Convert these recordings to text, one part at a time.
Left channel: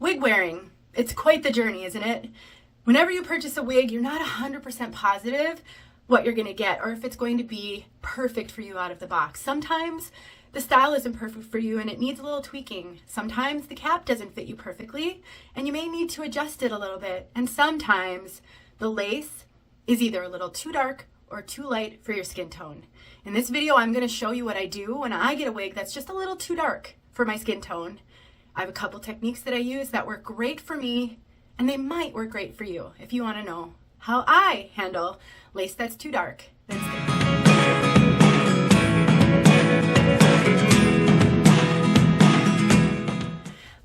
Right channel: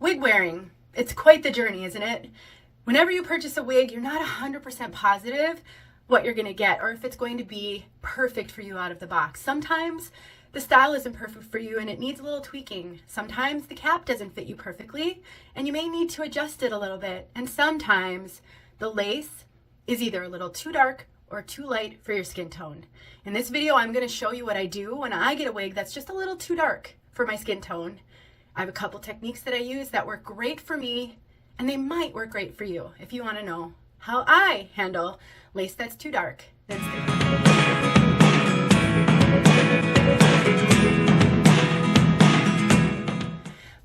Wig wearing, it's quite the journey, isn't it? Whenever you purchase a wig, you're not 100% positive what you're going to get or if it's going to be perfect for you out of the box. Sometimes the style isn't perfect for you and it needs a little tweaking. Sometimes the cap doesn't fit you perfectly and you may need to adjust it a little bit. And sometimes the lace is either a little too dark or too light for your skin tone. In this video, I'm going to show you what I do when I get a wig that's just a little too dark for my skin tone. I have a couple techniques that I use that work great for me, and they might work great for you. If you want to know how I handle lace that's too dark, then stay tuned.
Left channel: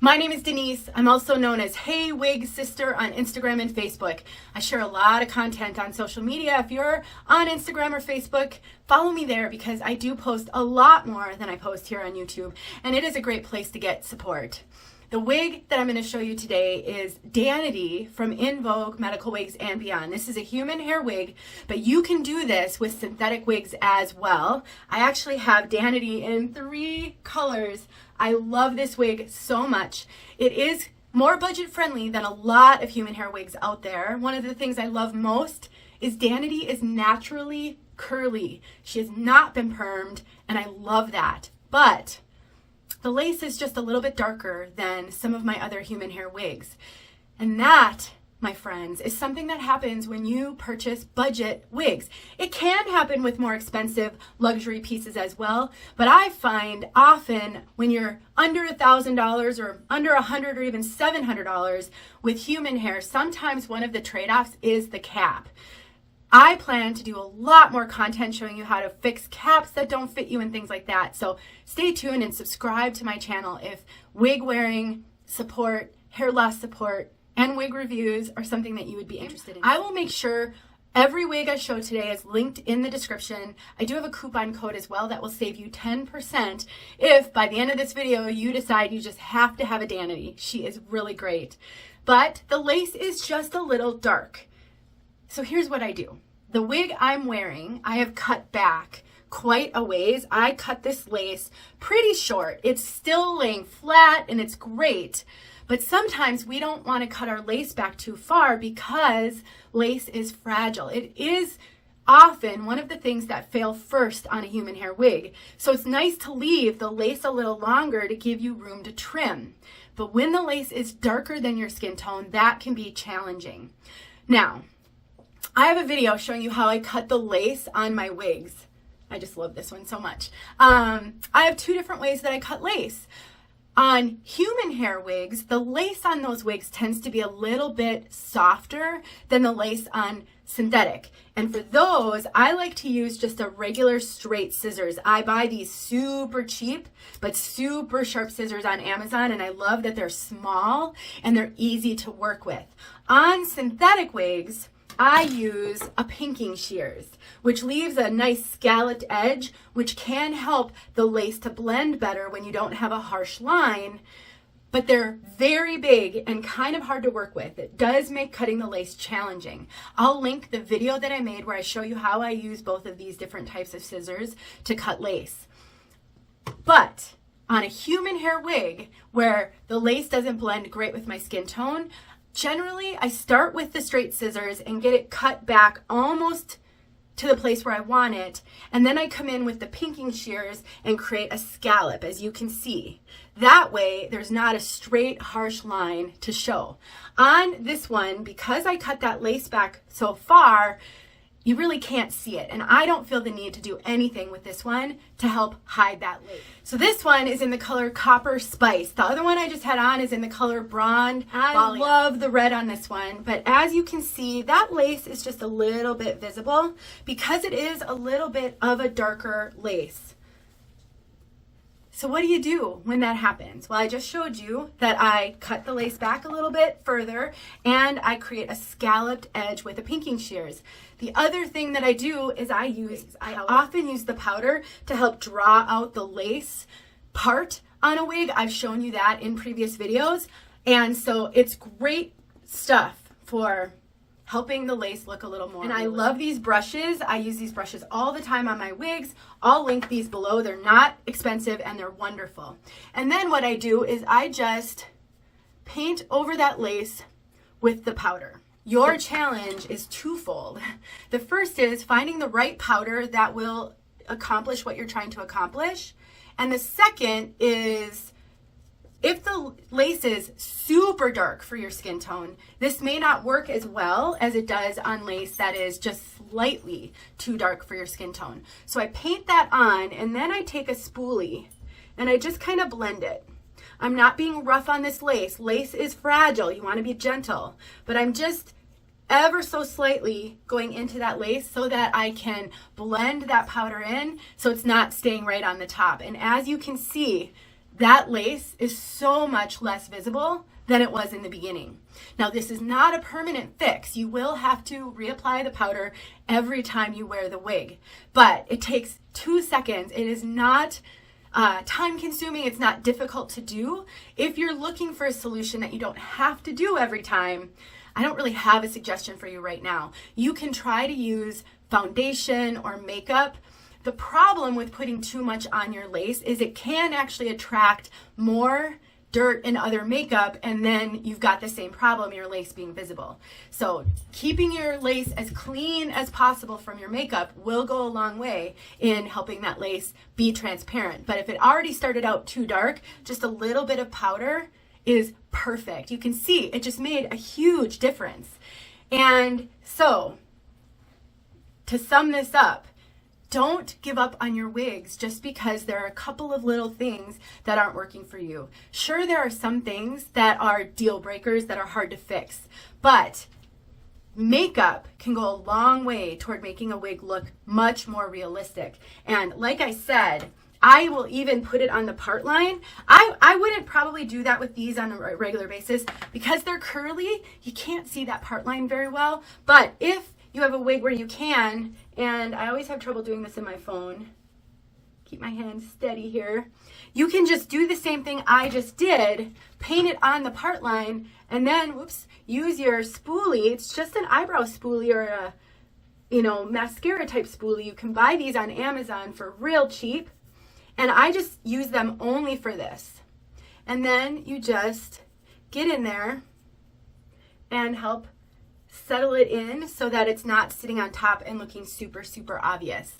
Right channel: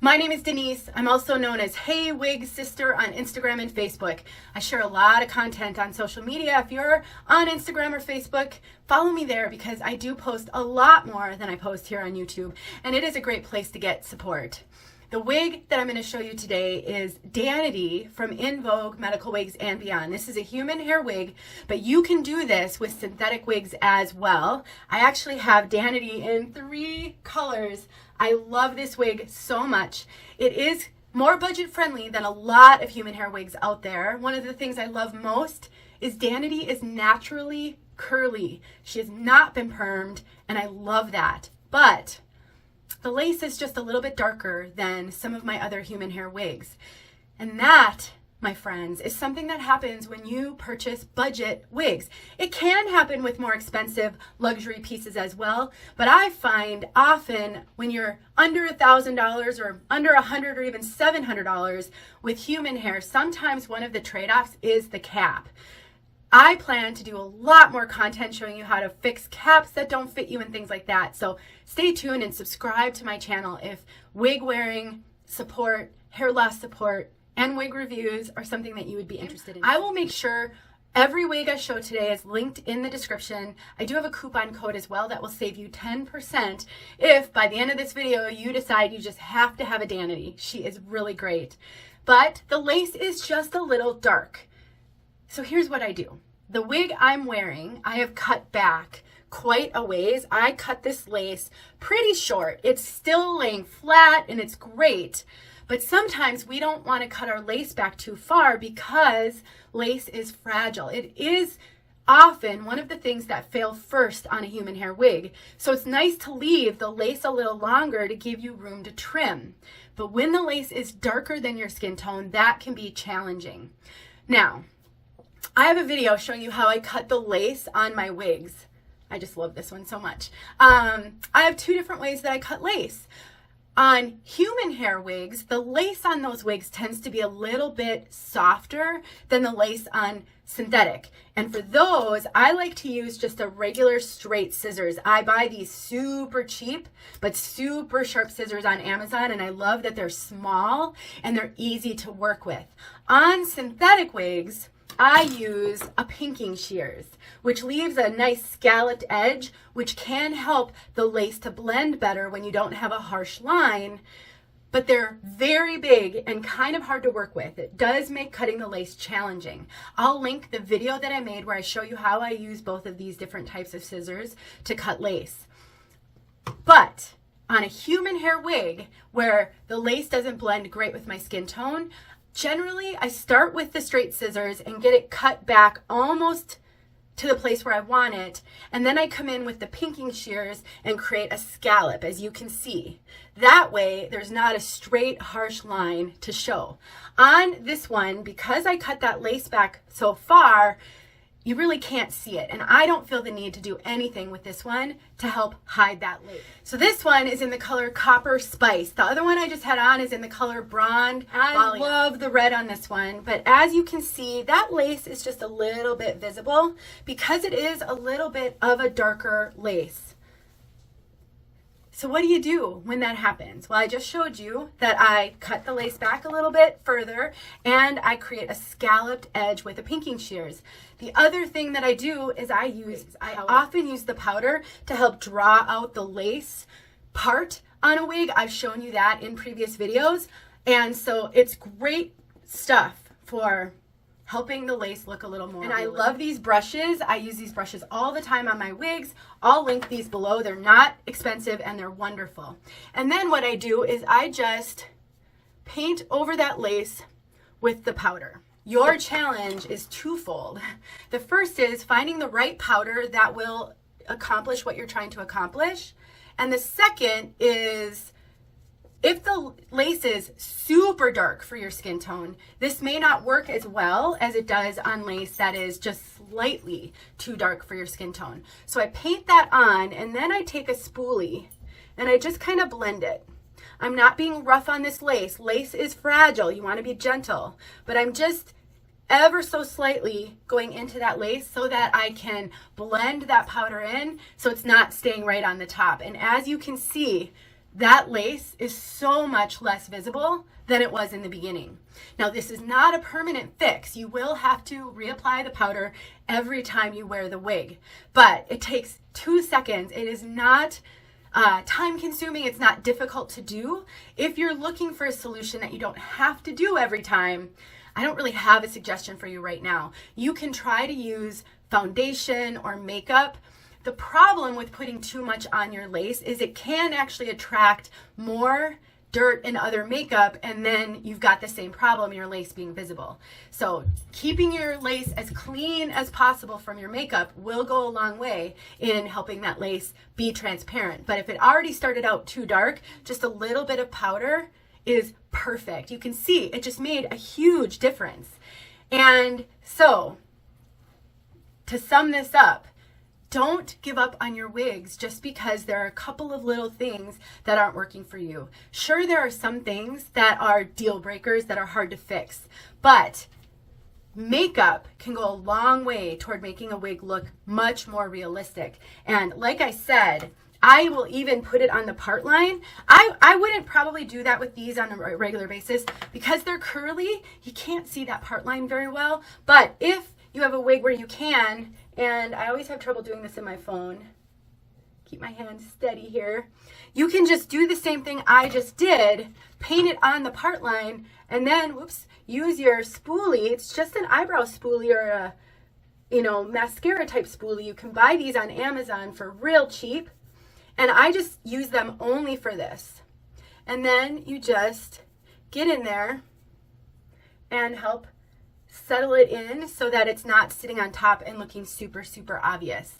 My name is Denise. I'm also known as heywigsister on Instagram and Facebook. I share a lot of content on social media. If you're on Instagram or Facebook, follow me there because I do post a lot more than I post here on YouTube, and it is a great place to get support. The wig that I'm going to show you today is 𝘸𝘦 from In Vogue Medical Wigs and Beyond. This is a human hair wig, but you can do this with synthetic wigs as well. I actually have 𝘸𝘦 in 3 colors. I love this wig so much. It is more budget friendly than a lot of human hair wigs out there. One of the things I love most is 𝘸𝘦 is naturally curly. She has not been permed, and I love that. But the lace is just a little bit darker than some of my other human hair wigs. And that, my friends, is something that happens when you purchase budget wigs. It can happen with more expensive luxury pieces as well, but I find often when you're under $1,000 or under $100 or even $700 with human hair, sometimes one of the trade-offs is the cap. I plan to do a lot more content showing you how to fix caps that don't fit you and things like that. So stay tuned and subscribe to my channel if wig wearing support, hair loss support, and wig reviews are something that you would be interested in. I will make sure every wig I show today is linked in the description. I do have a coupon code as well that will save you 10% if by the end of this video you decide you just have to have a 𝘸𝘦. She is really great. But the lace is just a little dark. So here's what I do. The wig I'm wearing, I have cut back quite a ways. I cut this lace pretty short. It's still laying flat and it's great. But sometimes we don't want to cut our lace back too far because lace is fragile. It is often one of the things that fail first on a human hair wig. So it's nice to leave the lace a little longer to give you room to trim. But when the lace is darker than your skin tone, that can be challenging. Now, I have a video showing you how I cut the lace on my wigs. I just love this one so much. I have 2 different ways that I cut lace. On human hair wigs, the lace on those wigs tends to be a little bit softer than the lace on synthetic. And for those, I like to use just a regular straight scissors. I buy these super cheap but super sharp scissors on Amazon, and I love that they're small and they're easy to work with. On synthetic wigs, I use a pinking shears, which leaves a nice scalloped edge, which can help the lace to blend better when you don't have a harsh line, but they're very big and kind of hard to work with. It does make cutting the lace challenging. I'll link the video that I made where I show you how I use both of these different types of scissors to cut lace. But on a human hair wig where the lace doesn't blend great with my skin tone, generally, I start with the straight scissors and get it cut back almost to the place where I want it. And then I come in with the pinking shears and create a scallop, as you can see. That way, there's not a straight, harsh line to show. On this one, because I cut that lace back so far, you really can't see it. And I don't feel the need to do anything with this one to help hide that lace. So this one is in the color Copper Spice. The other one I just had on is in the color Blonde. I love the red on this one, but as you can see, that lace is just a little bit visible because it is a little bit of a darker lace. So what do you do when that happens? Well, I just showed you that I cut the lace back a little bit further and I create a scalloped edge with the pinking shears. The other thing that I do is I often use the powder to help draw out the lace part on a wig. I've shown you that in previous videos. And so it's great stuff for helping the lace look a little more. And I love these brushes. I use these brushes all the time on my wigs. I'll link these below. They're not expensive and they're wonderful. And then what I do is I just paint over that lace with the powder. Your challenge is twofold. The first is finding the right powder that will accomplish what you're trying to accomplish. And the second is, if the lace is super dark for your skin tone, this may not work as well as it does on lace that is just slightly too dark for your skin tone. So I paint that on, and then I take a spoolie and I just kind of blend it. I'm not being rough on this lace. Lace is fragile. You want to be gentle. But I'm just ever so slightly going into that lace so that I can blend that powder in so it's not staying right on the top. And as you can see, that lace is so much less visible than it was in the beginning. Now, this is not a permanent fix. You will have to reapply the powder every time you wear the wig, but it takes 2 seconds. It is not time consuming. It's not difficult to do. If you're looking for a solution that you don't have to do every time, I don't really have a suggestion for you right now. You can try to use foundation or makeup. The problem with putting too much on your lace is it can actually attract more dirt and other makeup, and then you've got the same problem, your lace being visible. So keeping your lace as clean as possible from your makeup will go a long way in helping that lace be transparent. But if it already started out too dark, just a little bit of powder is perfect. You can see it just made a huge difference. And so to sum this up, don't give up on your wigs just because there are a couple of little things that aren't working for you. Sure, there are some things that are deal breakers that are hard to fix, but makeup can go a long way toward making a wig look much more realistic. And like I said, I will even put it on the part line. I wouldn't probably do that with these on a regular basis because they're curly. You can't see that part line very well. But if you have a wig where you can, and I always have trouble doing this in my phone. Keep my hand steady here. You can just do the same thing I just did, paint it on the part line, and then, whoops, use your spoolie. It's just an eyebrow spoolie or a, mascara type spoolie. You can buy these on Amazon for real cheap. And I just use them only for this. And then you just get in there and help settle it in so that it's not sitting on top and looking super, super obvious.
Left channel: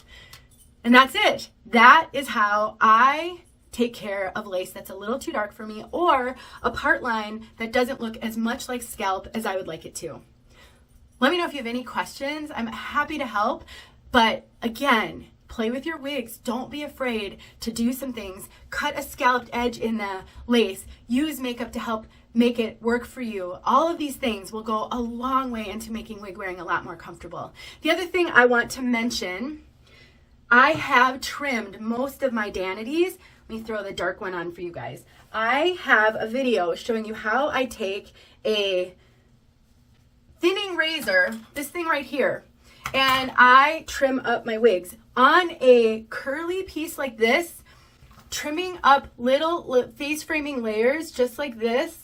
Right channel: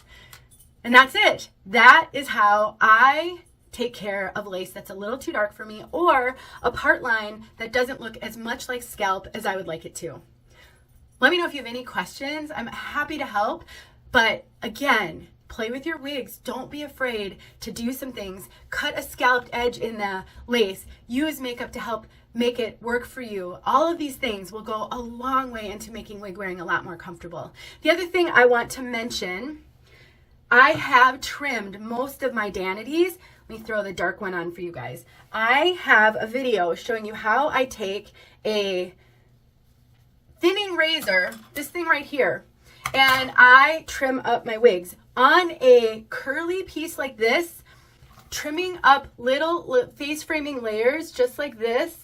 And that's it. That is how I take care of lace that's a little too dark for me, or a part line that doesn't look as much like scalp as I would like it to. Let me know if you have any questions. I'm happy to help. But again, play with your wigs. Don't be afraid to do some things. Cut a scalloped edge in the lace. Use makeup to help make it work for you. All of these things will go a long way into making wig wearing a lot more comfortable. The other thing I want to mention, I have trimmed most of my Danities. Let me throw the dark one on for you guys. I have a video showing you how I take a thinning razor, this thing right here, and I trim up my wigs. On a curly piece like this, trimming up little face framing layers just like this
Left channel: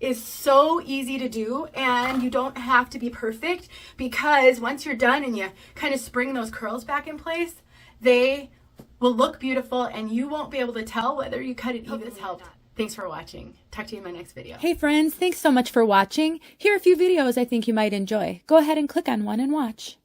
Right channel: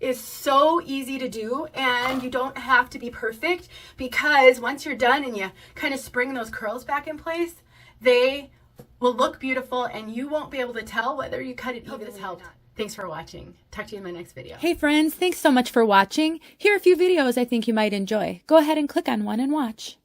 is so easy to do, and you don't have to be perfect, because once you're done and you kind of spring those curls back in place, they will look beautiful and you won't be able to tell whether you cut it evenly. Hope this helped. Thanks for watching. Talk to you in my next video. Hey friends, thanks so much for watching. Here are a few videos I think you might enjoy. Go ahead and click on one and watch.